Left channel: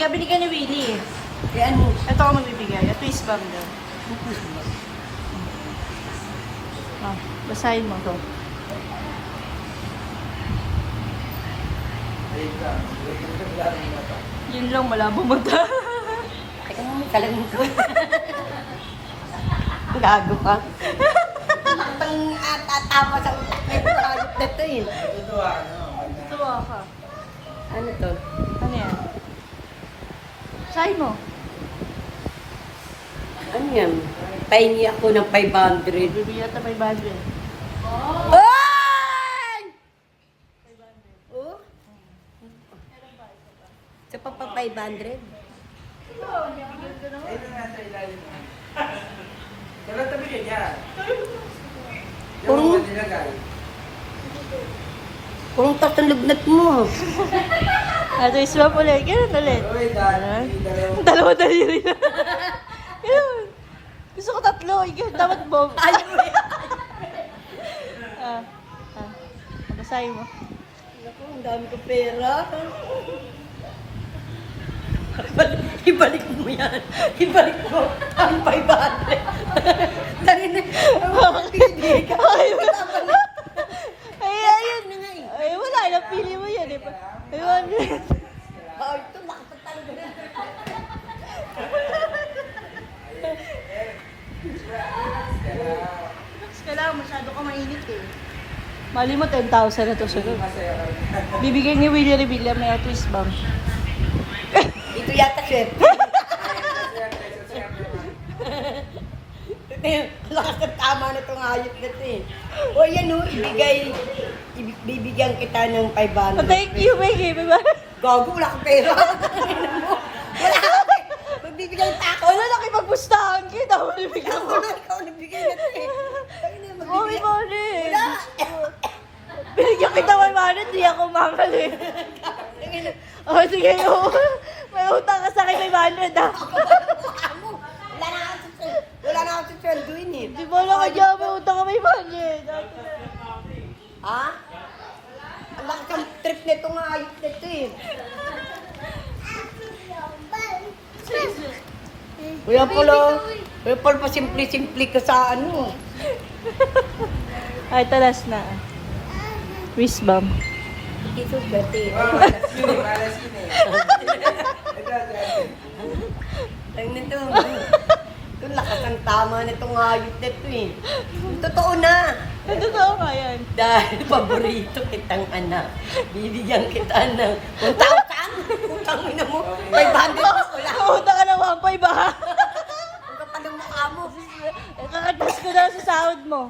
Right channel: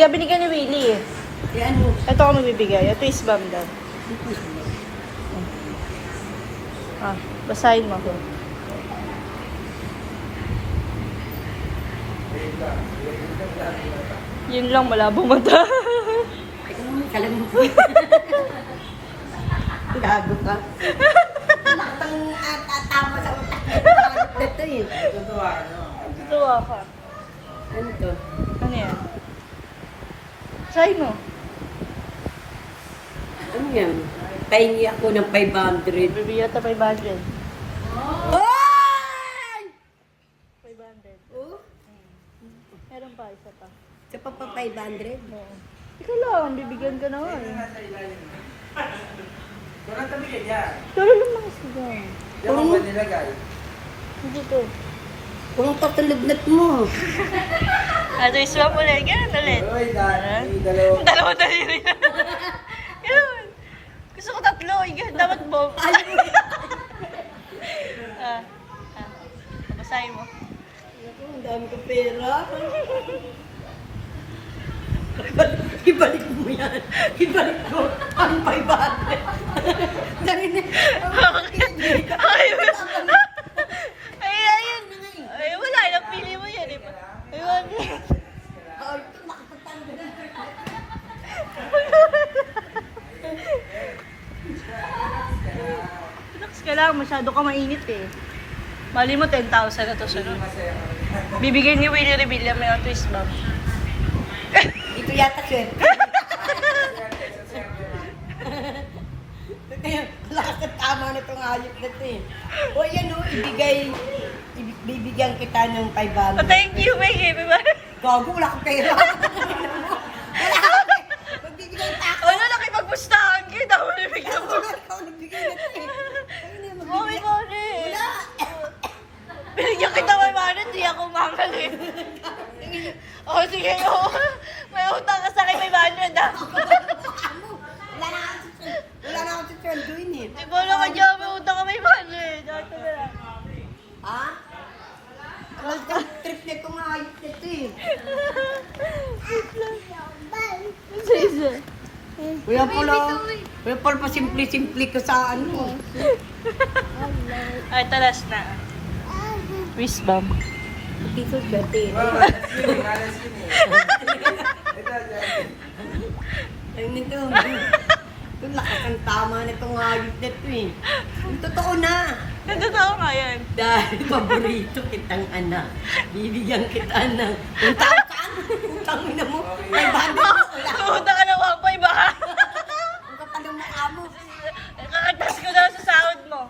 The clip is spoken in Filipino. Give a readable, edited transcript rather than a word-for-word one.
ka binigyan ni Willie eh. Yan. Ito ako magbibigay. Ito is bomb daw. Ah, basahin mo ako. Yun lang, malabong mata. Ito mo, talagang ko. Gago ka. Laktang tama sa utak na ito eh. Tuwa ka. Ano to? Ano yan? Try mo. Ano yan? Pahingi ako ng 500. Bibigyan ka 500. Oy! 500. Oh? Meron pa, isa pa. Sa pa 500? Ito lang, bibigyan ka naman. Walang tabi niya. Pero lang mga sigaw. Purong, Hindi ko. purong tatang lugnat mo. Ito is bomb ulit. Ganun ulit. Oy, dalawa. Dalawa daliri na. Yun. Gusto ko tatlo. Yun, dapat bomb. Ayaw mo yan. Basahin mo. Naku, ang dami kong pera. Ibalik mo yan. Ibalik mo ang 500. Dali na. Ay, Ayun na nga eh. ay, wala. Napili mo yun. Ayun. Oh, ito nakapagtanggal. Relax ka lang. Masyado ka mainit eh. Mali mo 10,000 ito sunod. Bibigyan ni Willie Revilla may twist bomb. Ito yata sir. Ito yung lakas ng tama na itong hayop na ito eh. O yan o, bibigyan kita ng 500. Thank you, baby. Gago, wala kang pera. Wala kang pera. Magbibigay pa ako. Ano, nakipagpustahan ka. Tapos bibigyan Ako mo. na ikaw nagbigay na ito eh. Kaya na magbibigay. Mami. Wala. Binigyan kita may money, di ako mangalin. O, sige. May utang ka sa akin, may money na. Wala na akong sweldoin eh. Di ba lang kanya, may utang ka, may money. Dito na. Ha? Ang lakas ng trip nito nga ayos nito eh. Kuya pala pa simple-simple ka sa ano. Ay, talas na. Wish bomb. Dito swerte. Ay nito. Yung lakas ng tama nitong hayop nito eh. Yung totoo na. Nagtotoo nga yan. Dahil paborito kitang anak. Bibigyan kita ng 1,000. Utang mo na mo. 500 wala. Utang ka ng 1.5 baka. Ang kapal ng mukha mo. Kakagdas ko na sa sahod mo.